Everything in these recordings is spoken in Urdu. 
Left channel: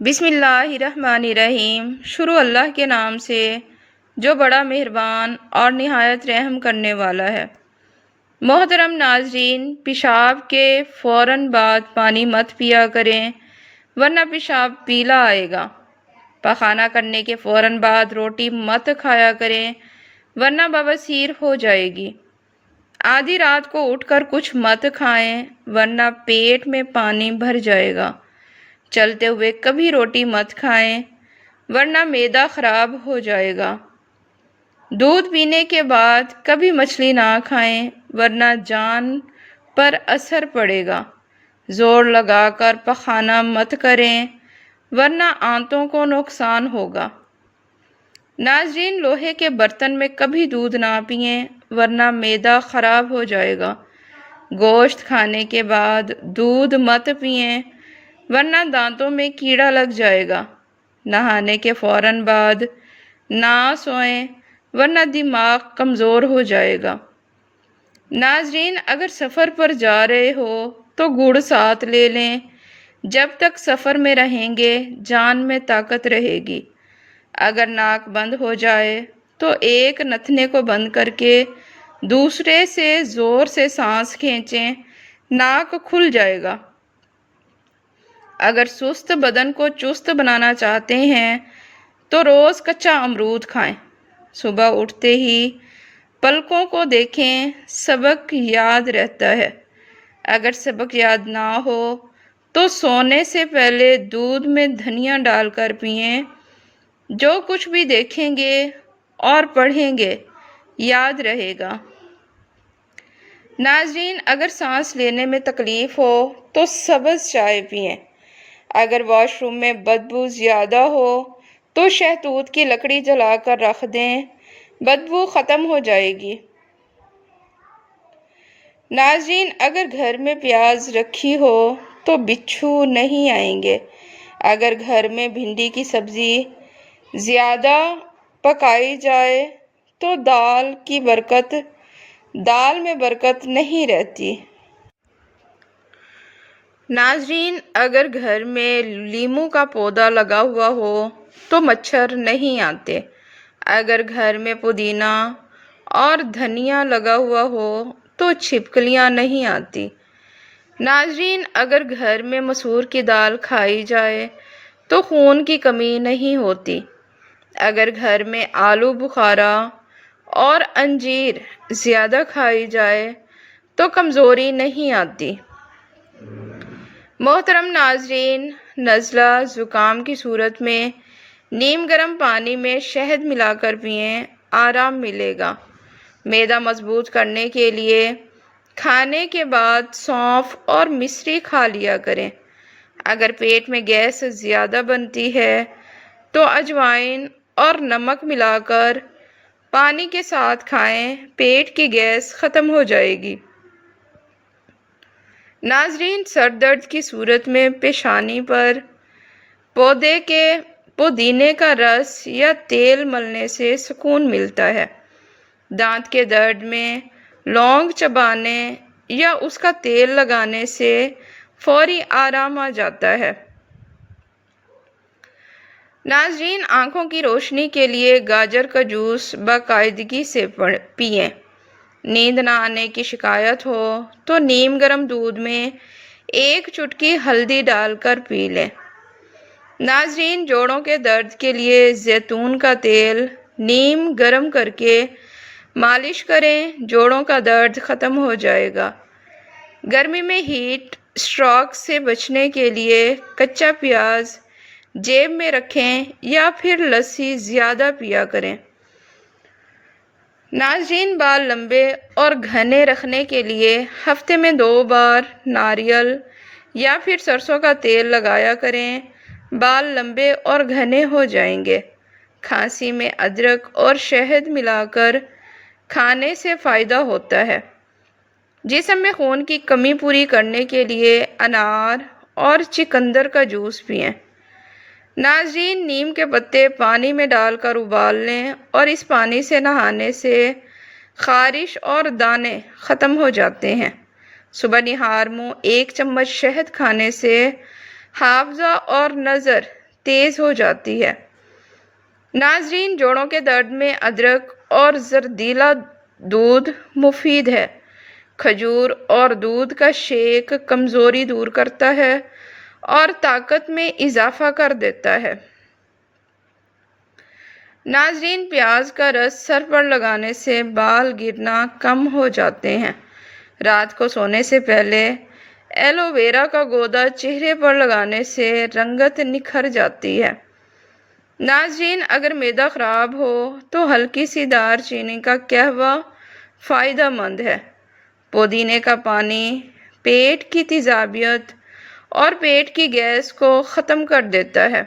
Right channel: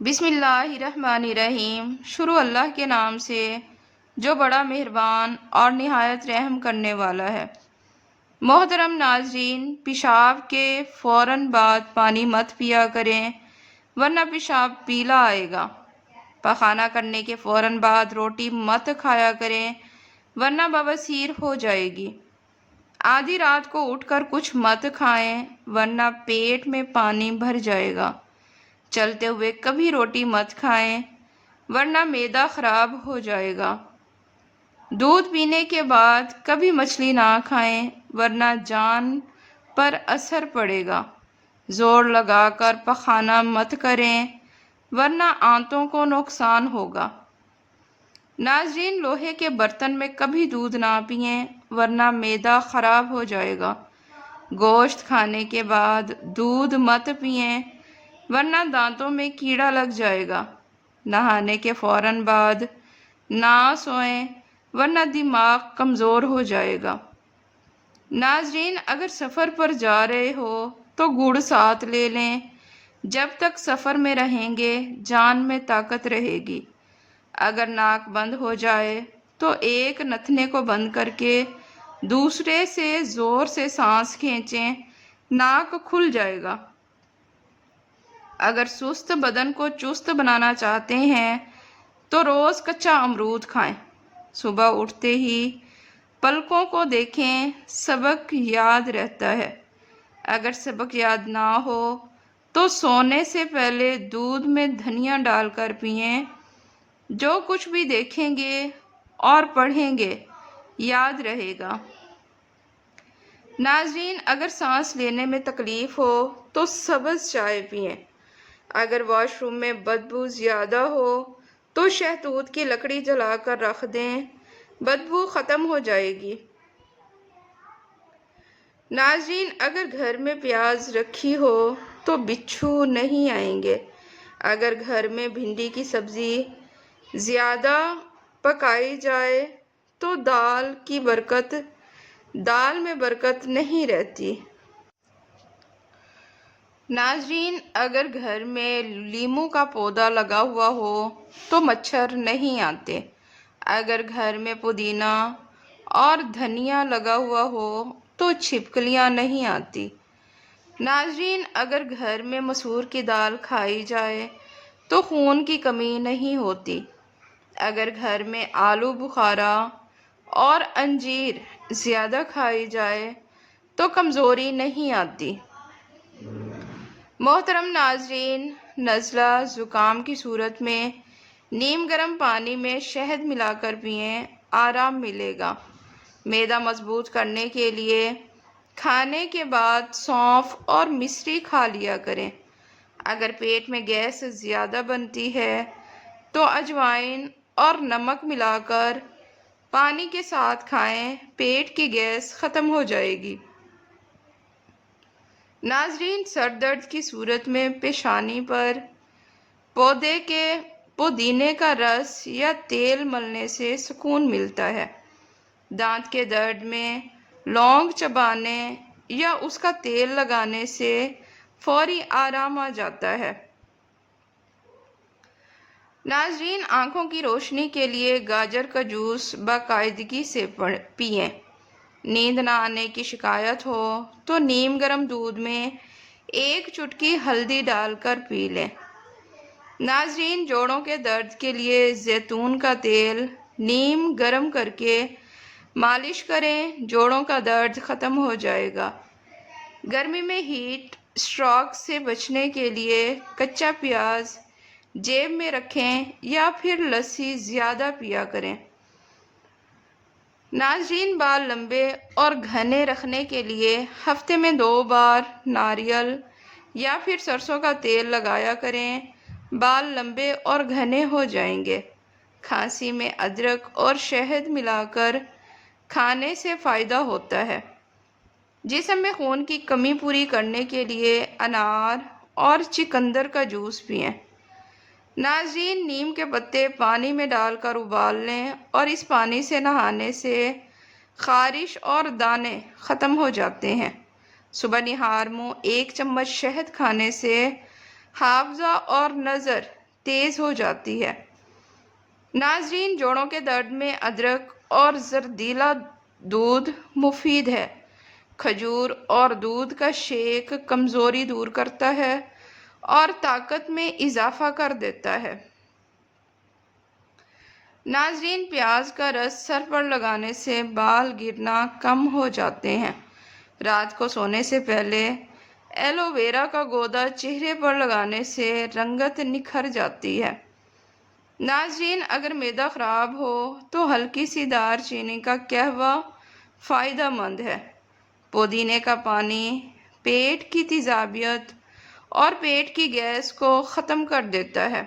بسم اللہ الرحمن الرحیم۔ شروع اللہ کے نام سے جو بڑا مہربان اور نہایت رحم کرنے والا ہے۔ محترم ناظرین، پیشاب کے فوراً بعد پانی مت پیا کریں ورنہ پیشاب پیلا آئے گا۔ پخانہ کرنے کے فوراً بعد روٹی مت کھایا کریں ورنہ بواسیر ہو جائے گی۔ آدھی رات کو اٹھ کر کچھ مت کھائیں ورنہ پیٹ میں پانی بھر جائے گا۔ چلتے ہوئے کبھی روٹی مت کھائیں ورنہ معدہ خراب ہو جائے گا۔ دودھ پینے کے بعد کبھی مچھلی نہ کھائیں ورنہ جان پر اثر پڑے گا۔ زور لگا کر پخانہ مت کریں ورنہ آنتوں کو نقصان ہوگا۔ ناظرین، لوہے کے برتن میں کبھی دودھ نہ پئیں ورنہ معدہ خراب ہو جائے گا۔ گوشت کھانے کے بعد دودھ مت پئیں ورنہ دانتوں میں کیڑا لگ جائے گا۔ نہانے کے فوراً بعد نہ سوئیں ورنہ دماغ کمزور ہو جائے گا۔ ناظرین، اگر سفر پر جا رہے ہو تو گڑ ساتھ لے لیں۔ جب تک سفر میں رہیں گے جان میں طاقت رہے گی۔ اگر ناک بند ہو جائے تو ایک نتھنے کو بند کر کے دوسرے سے زور سے سانس کھینچیں، ناک کھل جائے گا۔ اگر سست بدن کو چست بنانا چاہتے ہیں تو روز کچا امرود کھائیں۔ صبح اٹھتے ہی پلکوں کو دیکھیں، سبق یاد رہتا ہے۔ اگر سبق یاد نہ ہو تو سونے سے پہلے دودھ میں دھنیا ڈال کر پئیں۔ جو کچھ بھی دیکھیں گے اور پڑھیں گے یاد رہے گا۔ ناظرین، اگر سانس لینے میں تکلیف ہو تو سبز چائے پئیں۔ اگر واش روم میں بدبو زیادہ ہو تو شہتوت کی لکڑی جلا کر رکھ دیں، بدبو ختم ہو جائے گی۔ ناظرین، اگر گھر میں پیاز رکھی ہو تو بچھو نہیں آئیں گے۔ اگر گھر میں بھنڈی کی سبزی زیادہ پکائی جائے تو دال میں برکت نہیں رہتی۔ ناظرین، اگر گھر میں لیموں کا پودا لگا ہوا ہو تو مچھر نہیں آتے۔ اگر گھر میں پودینہ اور دھنیا لگا ہوا ہو تو چھپکلیاں نہیں آتی۔ ناظرین، اگر گھر میں مسور کی دال کھائی جائے تو خون کی کمی نہیں ہوتی۔ اگر گھر میں آلو بخارا اور انجیر زیادہ کھائی جائے تو کمزوری نہیں آتی۔ محترم ناظرین، نزلہ زکام کی صورت میں نیم گرم پانی میں شہد ملا کر پئیں، آرام ملے گا۔ معدہ مضبوط کرنے کے لیے کھانے کے بعد سونف اور مصری کھا لیا کریں۔ اگر پیٹ میں گیس زیادہ بنتی ہے تو اجوائن اور نمک ملا کر پانی کے ساتھ کھائیں، پیٹ کی گیس ختم ہو جائے گی۔ ناظرین، سر درد کی صورت میں پیشانی پر پودینے کا رس یا تیل ملنے سے سکون ملتا ہے۔ دانت کے درد میں لونگ چبانے یا اس کا تیل لگانے سے فوری آرام آ جاتا ہے۔ ناظرین، آنکھوں کی روشنی کے لیے گاجر کا جوس باقاعدگی سے پئیں۔ نیند نہ آنے کی شکایت ہو تو نیم گرم دودھ میں ایک چٹکی ہلدی ڈال کر پی لیں۔ ناظرین، جوڑوں کے درد کے لیے زیتون کا تیل نیم گرم کر کے مالش کریں، جوڑوں کا درد ختم ہو جائے گا۔ گرمی میں ہیٹ اسٹروک سے بچنے کے لیے کچا پیاز جیب میں رکھیں یا پھر لسی زیادہ پیا کریں۔ ناظرین، بال لمبے اور گھنے رکھنے کے لیے ہفتے میں 2 بار ناریل یا پھر سرسوں کا تیل لگایا کریں، بال لمبے اور گھنے ہو جائیں گے۔ کھانسی میں ادرک اور شہد ملا کر کھانے سے فائدہ ہوتا ہے۔ جسم میں خون کی کمی پوری کرنے کے لیے انار اور چقندر کا جوس پئیں۔ ناظرین، نیم کے پتے پانی میں ڈال کر ابال لیں اور اس پانی سے نہانے سے خارش اور دانے ختم ہو جاتے ہیں۔ صبح نہار منہ 1 چمچ شہد کھانے سے حافظہ اور نظر تیز ہو جاتی ہے۔ ناظرین، جوڑوں کے درد میں ادرک اور زردیلا دودھ مفید ہے۔ کھجور اور دودھ کا شیک کمزوری دور کرتا ہے اور طاقت میں اضافہ کر دیتا ہے۔ ناظرین، پیاز کا رس سر پر لگانے سے بال گرنا کم ہو جاتے ہیں۔ رات کو سونے سے پہلے ایلو ویرا کا گودا چہرے پر لگانے سے رنگت نکھر جاتی ہے۔ ناظرین، اگر معدہ خراب ہو تو ہلکی سی دار چینی کا قہوہ فائدہ مند ہے۔ پودینے کا پانی پیٹ کی تیزابیت اور پیٹ کی گیس کو ختم کر دیتا ہے۔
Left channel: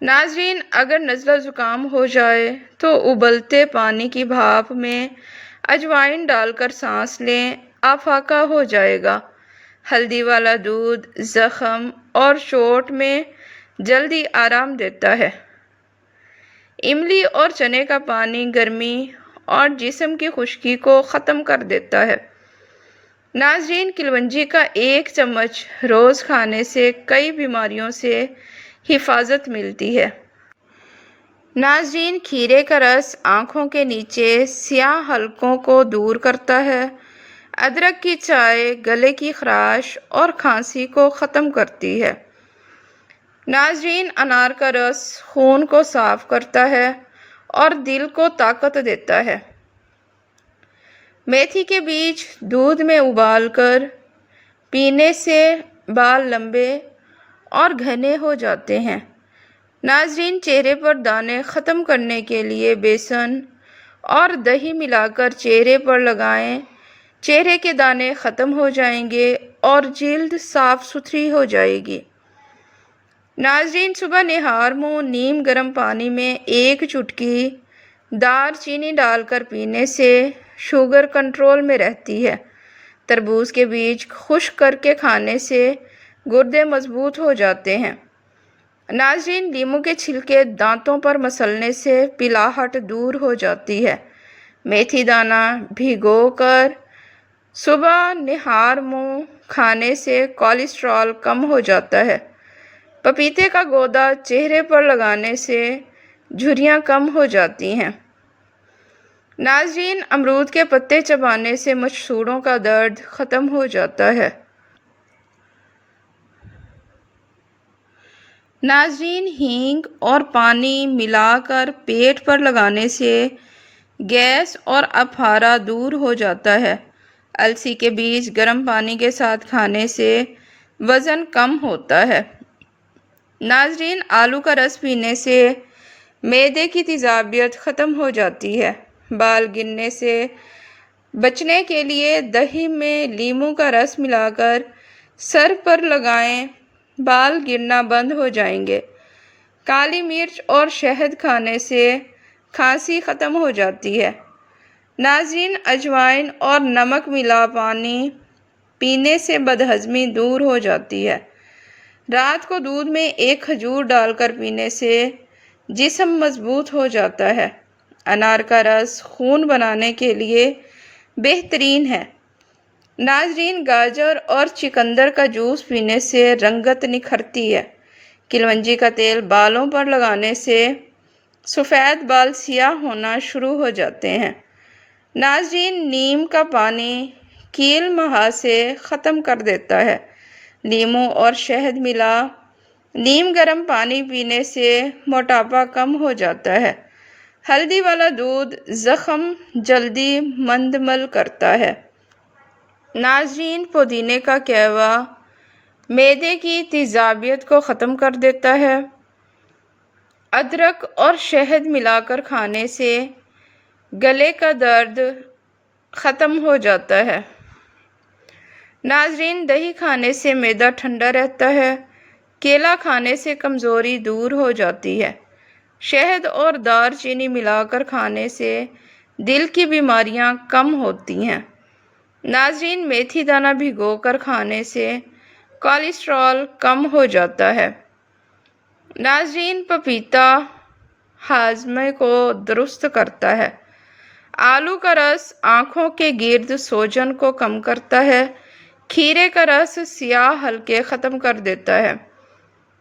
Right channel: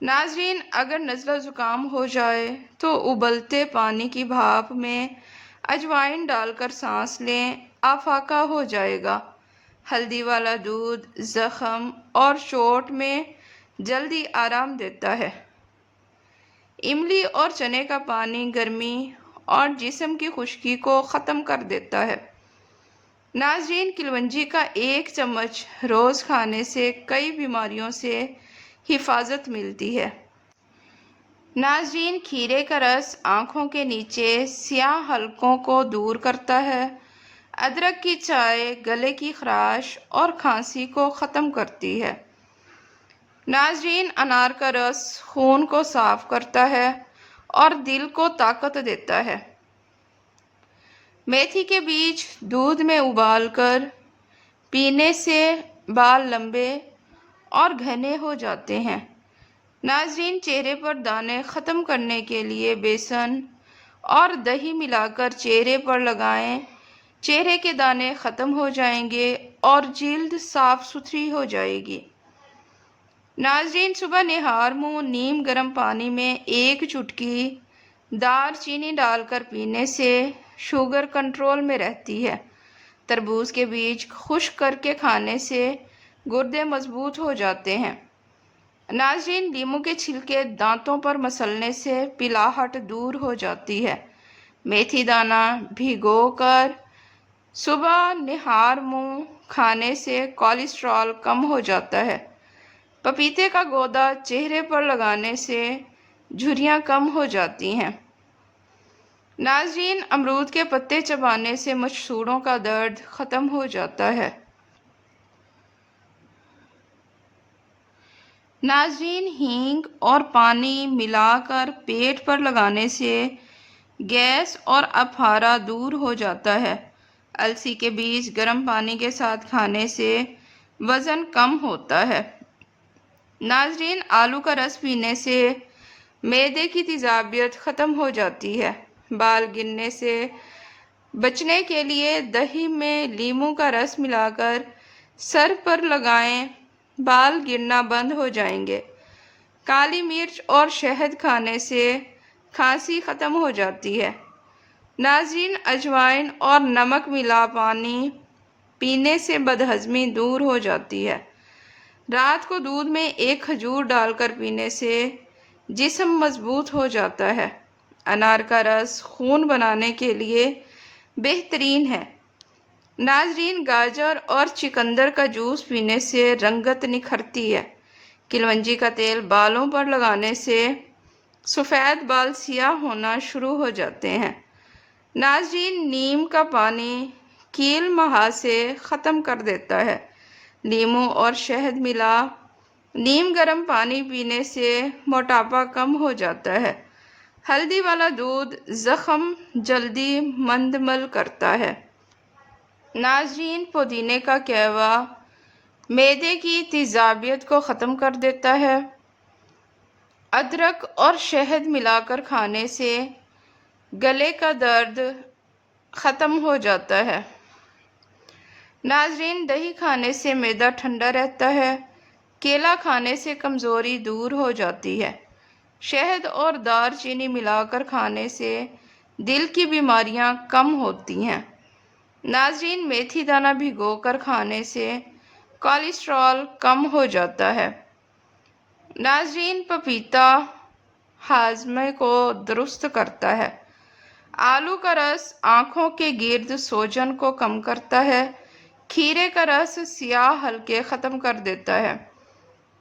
ناظرین، اگر نزلہ زکام ہو جائے تو ابلتے پانی کی بھاپ میں اجوائن ڈال کر سانس لیں، افاقہ ہو جائے گا۔ ہلدی والا دودھ زخم اور چوٹ میں جلدی آرام دیتا ہے۔ املی اور چنے کا پانی گرمی اور جسم کی خشکی کو ختم کر دیتا ہے۔ ناظرین، کلونجی کا 1 چمچ روز کھانے سے کئی بیماریوں سے حفاظت ملتی ہے۔ ناظرین، کھیرے کا رس آنکھوں کے نیچے سیاہ حلقوں کو دور کرتا ہے۔ ادرک کی چائے گلے کی خراش اور کھانسی کو ختم کرتی ہے۔ ناظرین، انار کا رس خون کو صاف کرتا ہے اور دل کو طاقت دیتا ہے۔ میتھی کے بیج دودھ میں ابال کر پینے سے بال لمبے اور گھنے ہو جاتے ہیں۔ ناظرین، چہرے پر دانے ختم کرنے کے لیے بیسن اور دہی ملا کر چہرے پر لگائیں۔ چہرے کے دانے ختم ہو جائیں گے اور جلد صاف ستھری ہو جائے گی۔ ناظرین، صبح نہار منہ نیم گرم پانی میں 1 چٹکی دار چینی ڈال کر پینے سے شوگر کنٹرول میں رہتی ہے۔ تربوز کے بیج خشک کر کے کھانے سے گردے مضبوط ہو جاتے ہیں۔ ناظرین، لیموں کے چھلکے دانتوں پر مسلنے سے پلاہٹ دور ہو جاتی ہے۔ میتھی دانہ بھگو کر صبح نہار منہ کھانے سے کولیسٹرول کم ہو جاتا ہے۔ پپیتے کا گودا چہرے پر لگانے سے جھریاں کم ہو جاتی ہیں۔ ناظرین، امرود کے پتے چبانے سے مچھڑوں کا درد ختم ہو جاتا ہے۔ ناظرین، ہینگ اور پانی ملا کر پیٹ پر لگانے سے گیس اور اپہارا دور ہو جاتا ہے۔ السی کے بیج گرم پانی کے ساتھ کھانے سے وزن کم ہوتا ہے۔ ناظرین، آلو کا رس پینے سے معدے کی تیزابیت ختم ہو جاتی ہے۔ بال گرنے سے بچنے کے لیے دہی میں لیموں کا رس ملا کر سر پر لگائیں، بال گرنا بند ہو جائیں گے۔ کالی مرچ اور شہد کھانے سے کھانسی ختم ہو جاتی ہے۔ ناظرین، اجوائن اور نمک ملا پانی پینے سے بدہضمی دور ہو جاتی ہے۔ رات کو دودھ میں 1 کھجور ڈال کر پینے سے جسم مضبوط ہو جاتا ہے۔ انار کا رس خون بنانے کے لیے بہترین ہے۔ ناظرین، گاجر اور چقندر کا جوس پینے سے رنگت نکھرتی ہے۔ کلونجی کا تیل بالوں پر لگانے سے سفید بال سیاہ ہونا شروع ہو جاتے ہیں۔ ناظرین، نیم کا پانی کیل مہاسے ختم کر دیتا ہے۔ لیموں اور شہد ملا نیم گرم پانی پینے سے موٹاپا کم ہو جاتا ہے۔ ہلدی والا دودھ زخم جلدی مندمل کرتا ہے۔ ناظرین، پودینے کا قہوہ معدے کی تیزابیت کو ختم کر دیتا ہے۔ ادرک اور شہد ملا کر کھانے سے گلے کا درد ختم ہو جاتا ہے۔ ناظرین، دہی کھانے سے معدہ ٹھنڈا رہتا ہے۔ کیلا کھانے سے کمزوری دور ہو جاتی ہے۔ شہد اور دار چینی ملا کر کھانے سے دل کی بیماریاں کم ہوتی ہیں۔ ناظرین، میتھی دانہ بھگو کر کھانے سے کولیسٹرول کم ہو جاتا ہے۔ ناظرین، پپیتا ہاضمے کو درست کرتا ہے۔ آلو کا رس آنکھوں کے گرد سوجن کو کم کرتا ہے۔ کھیرے کا رس سیاہ حلقے ختم کر دیتا ہے۔